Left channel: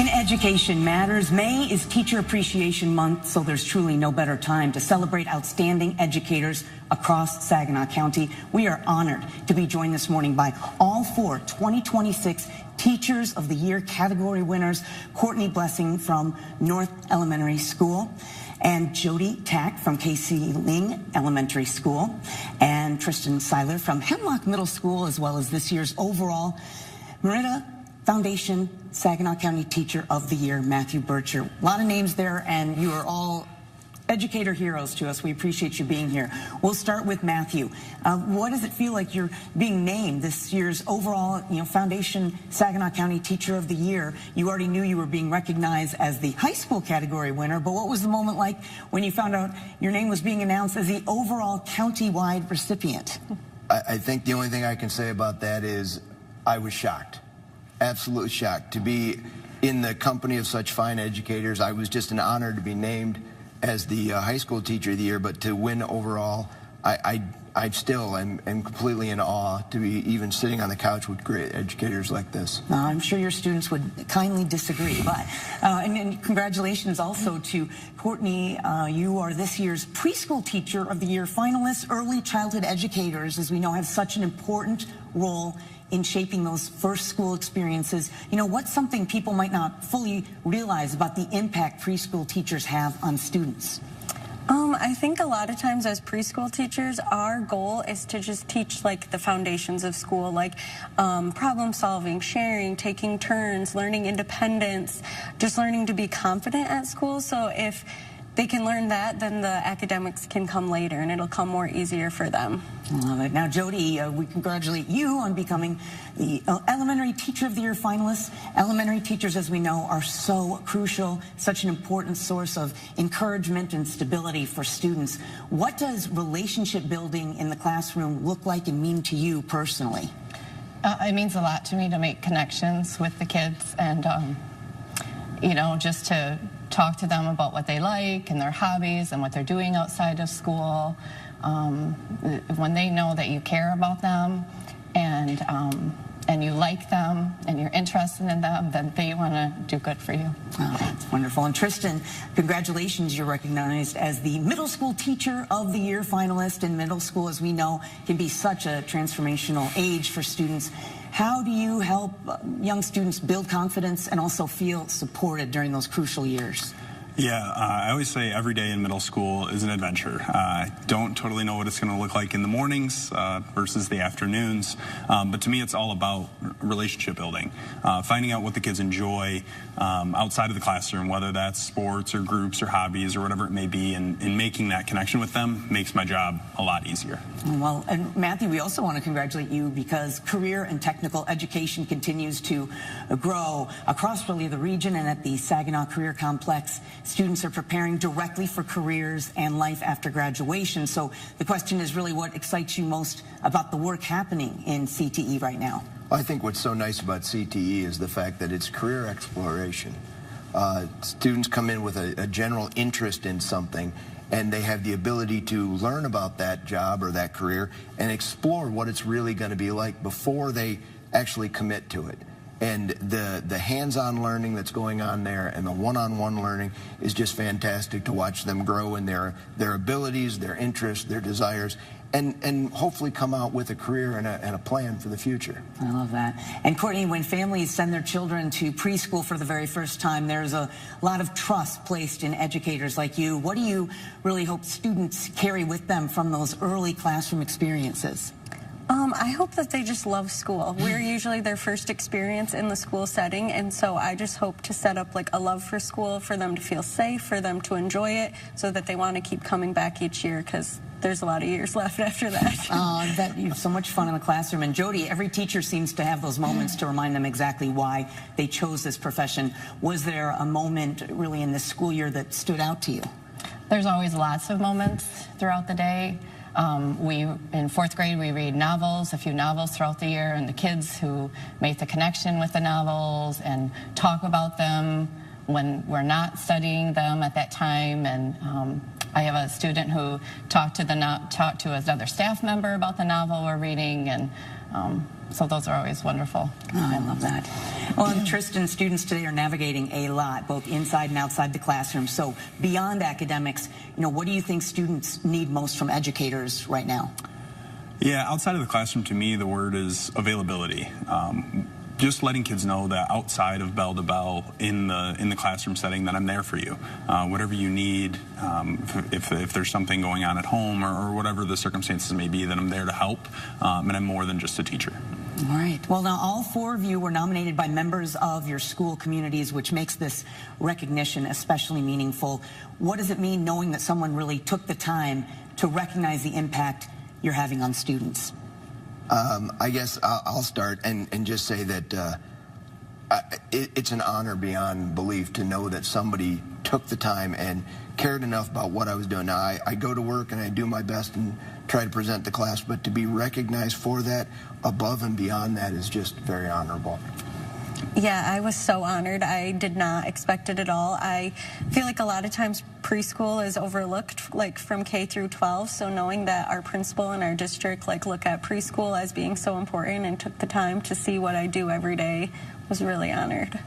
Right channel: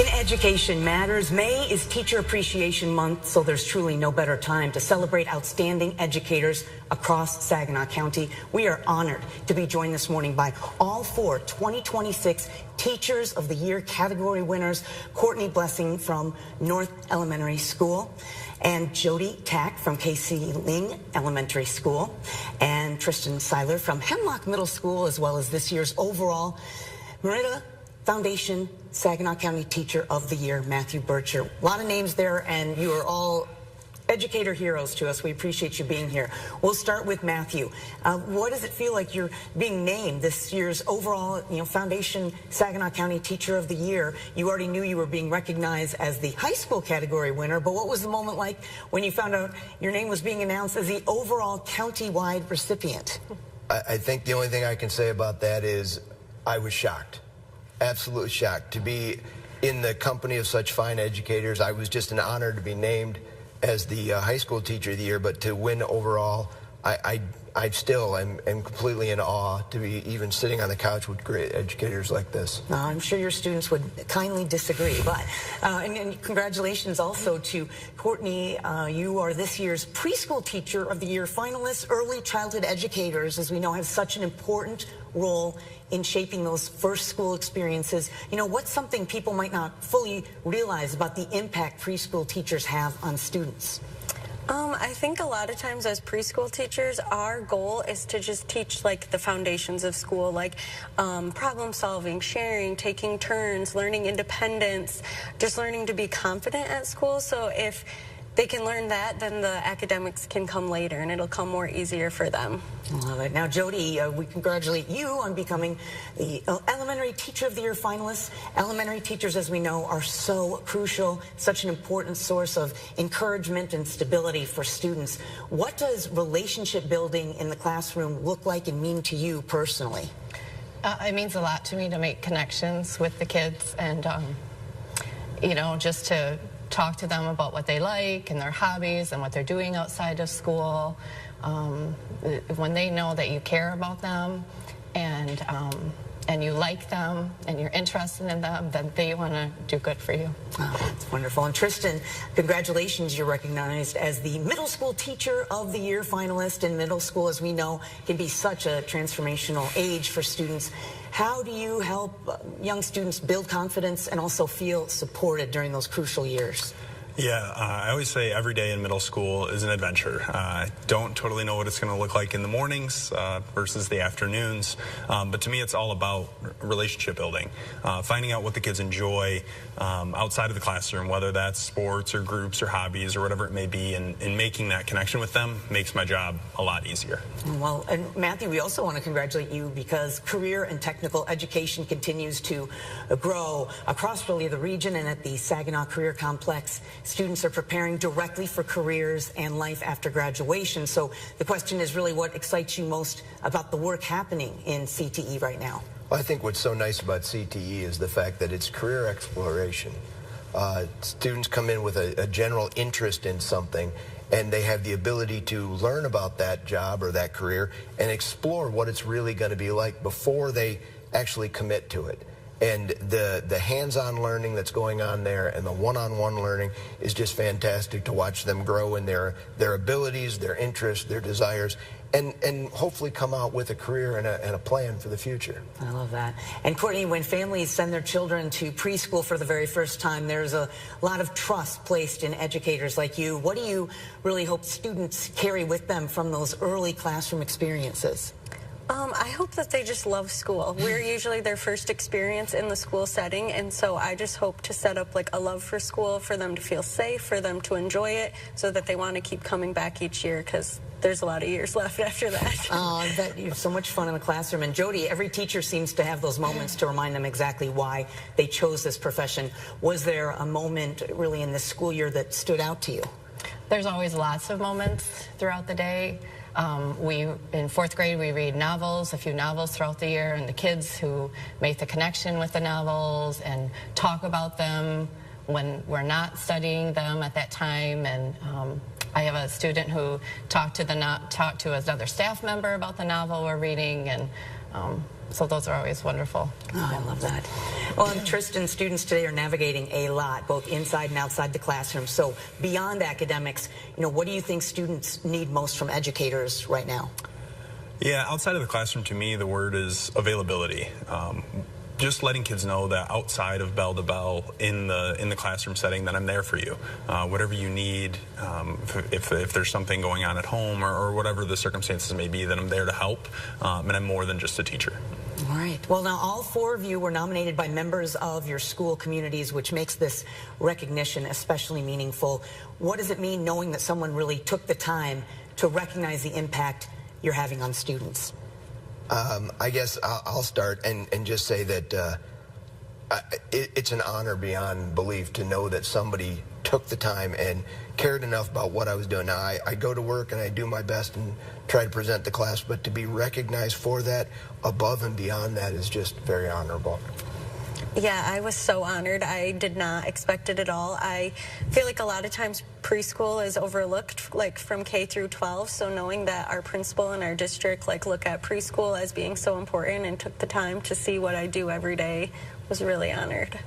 In Education Matters, May is Teacher Appreciation Month, so there's truly no better time to celebrate outstanding educators across Saginaw County. We are honored to be joined this morning by all four 2026 Teachers of the Year category winners: Courtney Blessing from North Elementary School, and Jodi Tack from K.C. Ling Elementary School, and Tristen Siler from Hemlock Middle School, as well as this year's overall Merida Foundation Saginaw County Teacher of the Year, Matthew Berchert. A lot of names there, and you are all educator heroes to us. We appreciate you being here. We'll start with Matthew. What does it feel like you're being named this year's overall, Foundation Saginaw County Teacher of the Year? You already knew you were being recognized as the high school category winner, but what was the moment like when you found out your name was being announced as the overall county-wide recipient? I think the only thing I can say about that is I was shocked. Absolutely shocked to be in the company of such fine educators. I was just an honor to be named as the high school teacher of the year, but to win overall, I still am completely in awe to be even sitting on the couch with great educators like this. I'm sure your students would kindly disagree, but and congratulations also to Courtney. You are this year's Preschool Teacher of the Year finalist. Early childhood educators, as we know, have such an important role in shaping those first school experiences. What's something people might not fully realize about the impact preschool teachers have on students? I think a lot of times as preschool teachers, our goal is to just teach like the foundations of school, like problem solving, sharing, taking turns, learning independence, just learning to be confident at school. So if they can learn that, then the academics can come later, and it'll come more easier for them. I love it. Now, Jodi, we congratulate you on becoming the Elementary Teacher of the Year finalist. Elementary teachers, as we know, are so crucial, such an important source of encouragement and stability for students. What does relationship building in the classroom look like and mean to you personally? It means a lot to me to make connections with the kids and, just to talk to them about what they like and their hobbies and what they're doing outside of school. When they know that you care about them and you like them and you're interested in them, then they want to do good for you. Wow, that's wonderful. And Tristen, congratulations. You're recognized as the Middle School Teacher of the Year finalist. In middle school, as we know, can be such a transformational age for students. How do you help young students build confidence and also feel supported during those crucial years? Yeah, I always say every day in middle school is an adventure. I don't totally know what it's going to look like in the mornings versus the afternoons, but to me it's all about relationship building, finding out what the kids enjoy outside of the classroom, whether that's sports or groups or hobbies or whatever it may be, and making that connection with them makes my job a lot easier. Well, and Matthew, we also want to congratulate you because career and technical education continues to grow across really the region, and at the Saginaw Career Complex, students are preparing directly for careers and life after graduation. So the question is really, what excites you most about the work happening in CTE right now? I think what's so nice about CTE is the fact that it's career exploration. Students come in with a general interest in something, and they have the ability to learn about that job or that career and explore what it's really going to be like before they actually commit to it. And the hands-on learning that's going on there and the one-on-one learning is just fantastic to watch them grow in their abilities, their interests, their desires, and hopefully come out with a career and a plan for the future. I love that. And Courtney, when families send their children to preschool for the very first time, there's a lot of trust placed in educators like you. What do you really hope students carry with them from those early classroom experiences? I hope that they just love school. We're usually their first experience in the school setting, and so I just hope to set up like a love for school for them to feel safe, for them to enjoy it, so that they want to keep coming back each year, because there's a lot of years left after that. I bet you have so much fun in the classroom. And Jodi, every teacher seems to have those moments to remind them exactly why they chose this profession. Was there a moment really in this school year that stood out to you? There's always lots of moments throughout the day. In fourth grade, we read novels, a few novels throughout the year, and the kids who make the connection with the novels and talk about them when we're not studying them at that time. And I have a student who talked to another staff member about the novel we're reading, and So those are always wonderful. Oh, I love that. Well, and Tristen, students today are navigating a lot, both inside and outside the classroom. So beyond academics, what do you think students need most from educators right now? Yeah, outside of the classroom, to me, the word is availability. Just letting kids know that outside of bell to bell in the classroom setting, that I'm there for you. Whatever you need, if there's something going on at home or whatever the circumstances may be, that I'm there to help, and I'm more than just a teacher. All right. Well, now all 4 of you were nominated by members of your school communities, which makes this recognition especially meaningful. What does it mean knowing that someone really took the time to recognize the impact you're having on students? I guess I'll start and just say that it's an honor beyond belief to know that somebody took the time and cared enough about what I was doing. Now, I go to work and I do my best and try to present the class, but to be recognized for that above and beyond that is just very honorable. Yeah, I was so honored. I did not expect it at all. I feel like a lot of times preschool is overlooked, like from K through 12. So knowing that our principal and our district look at preschool as being so important and took the time to see what I do every day was really honored.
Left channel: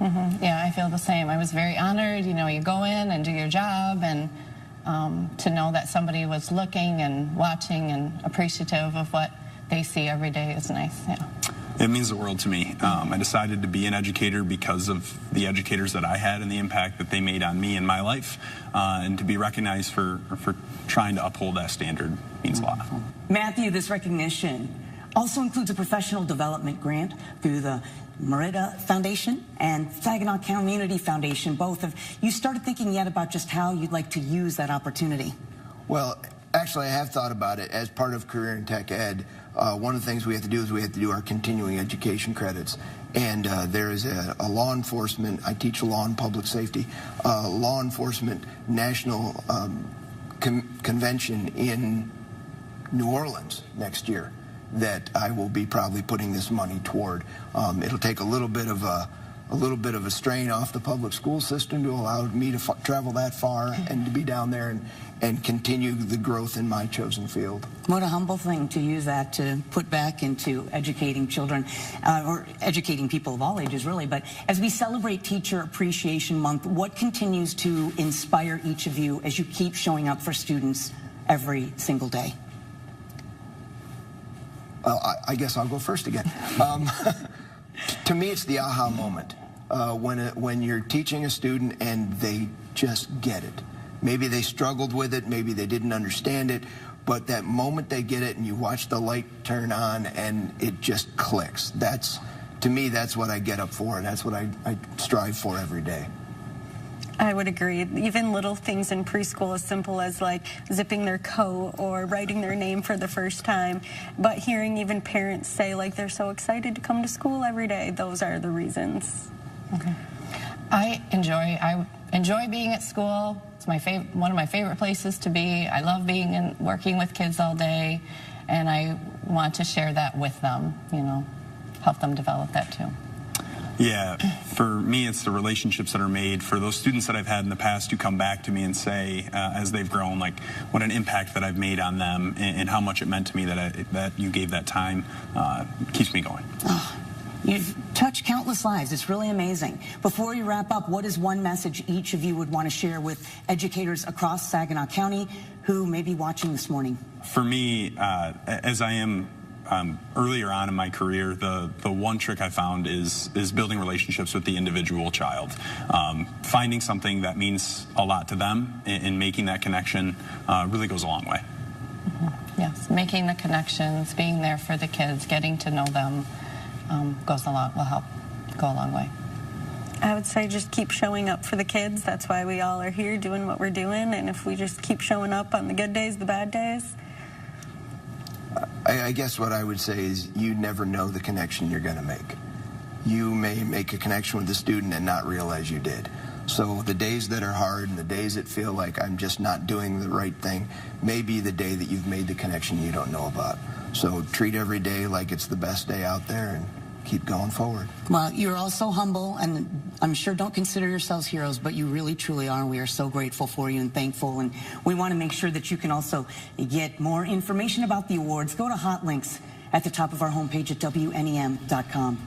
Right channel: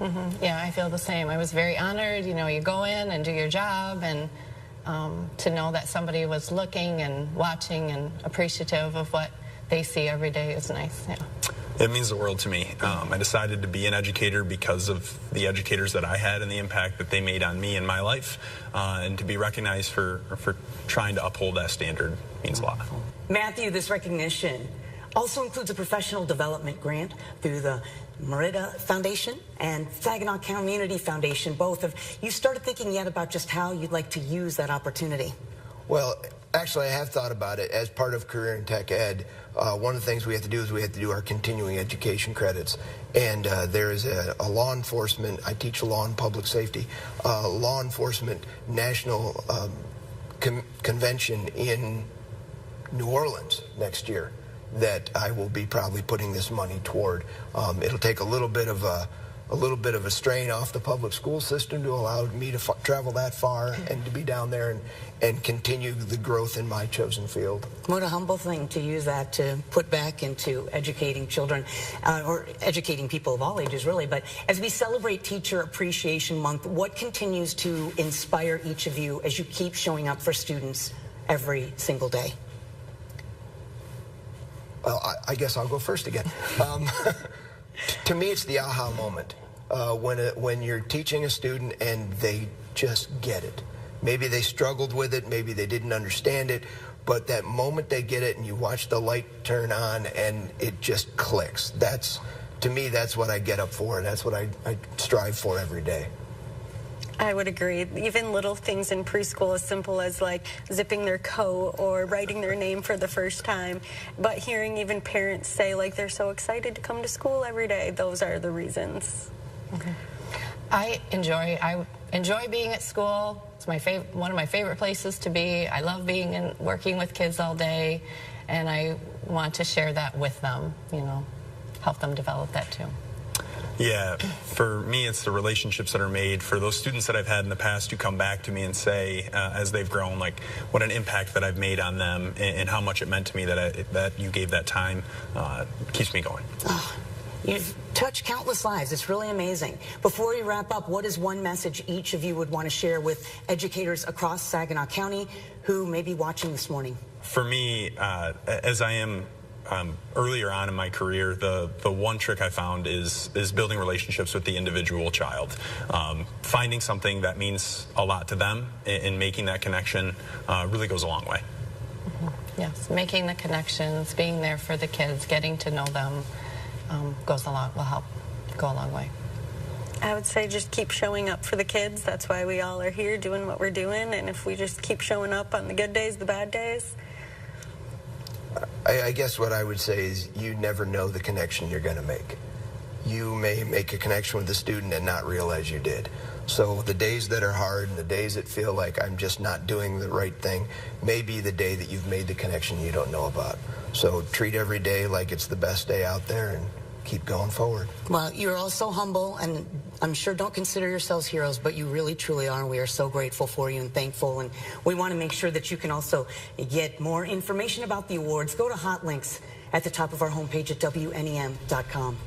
Mm-hmm. Yeah, I feel the same. I was very honored. You go in and do your job, and to know that somebody was looking and watching and appreciative of what they see every day is nice. Yeah. It means the world to me. I decided to be an educator because of the educators that I had and the impact that they made on me in my life. And to be recognized for trying to uphold that standard means a lot. Matthew, this recognition also includes a professional development grant through the Merida Foundation and Saginaw Community Foundation. Both of you started thinking yet about just how you'd like to use that opportunity? Well, actually, I have thought about it as part of career and tech ed. One of the things we have to do is we have to do our continuing education credits. And there is a law enforcement, I teach law and public safety, law enforcement national convention in New Orleans next year that I will be probably putting this money toward. It'll take a little bit of a strain off the public school system to allow me to travel that far and to be down there and continue the growth in my chosen field. What a humble thing to use that to put back into educating children, or educating people of all ages, really. But as we celebrate Teacher Appreciation Month, what continues to inspire each of you as you keep showing up for students every single day? Well, I guess I'll go first again. To me, it's the aha moment when you're teaching a student and they just get it. Maybe they struggled with it, maybe they didn't understand it, but that moment they get it and you watch the light turn on and it just clicks. To me, that's what I get up for, and that's what I strive for every day. I would agree. Even little things in preschool as simple as zipping their coat or writing their name for the first time. But hearing even parents say they're so excited to come to school every day, those are the reasons. Okay. I enjoy being at school. It's one of my favorite places to be. I love being and working with kids all day, and I want to share that with them, help them develop that too. Yeah, for me, it's the relationships that are made. For those students that I've had in the past who come back to me and say, as they've grown, what an impact that I've made on them and how much it meant to me that you gave that time, keeps me going. Oh, you've touched countless lives. It's really amazing. Before we wrap up, what is one message each of you would want to share with educators across Saginaw County who may be watching this morning? For me, as I am earlier on in my career, the one trick I found is building relationships with the individual child. Finding something that means a lot to them and making that connection really goes a long way. Mm-hmm. Yes, making the connections, being there for the kids, getting to know them will help go a long way. I would say just keep showing up for the kids. That's why we all are here doing what we're doing. And if we just keep showing up on the good days, the bad days. I guess what I would say is you never know the connection you're going to make. You may make a connection with the student and not realize you did. So the days that are hard and the days that feel like I'm just not doing the right thing may be the day that you've made the connection you don't know about. So treat every day like it's the best day out there and keep going forward. Well, you're all so humble, and I'm sure don't consider yourselves heroes, but you really, truly are, and we are so grateful for you and thankful. And we want to make sure that you can also get more information about the awards. Go to Hot Links at the top of our homepage at WNEM.com.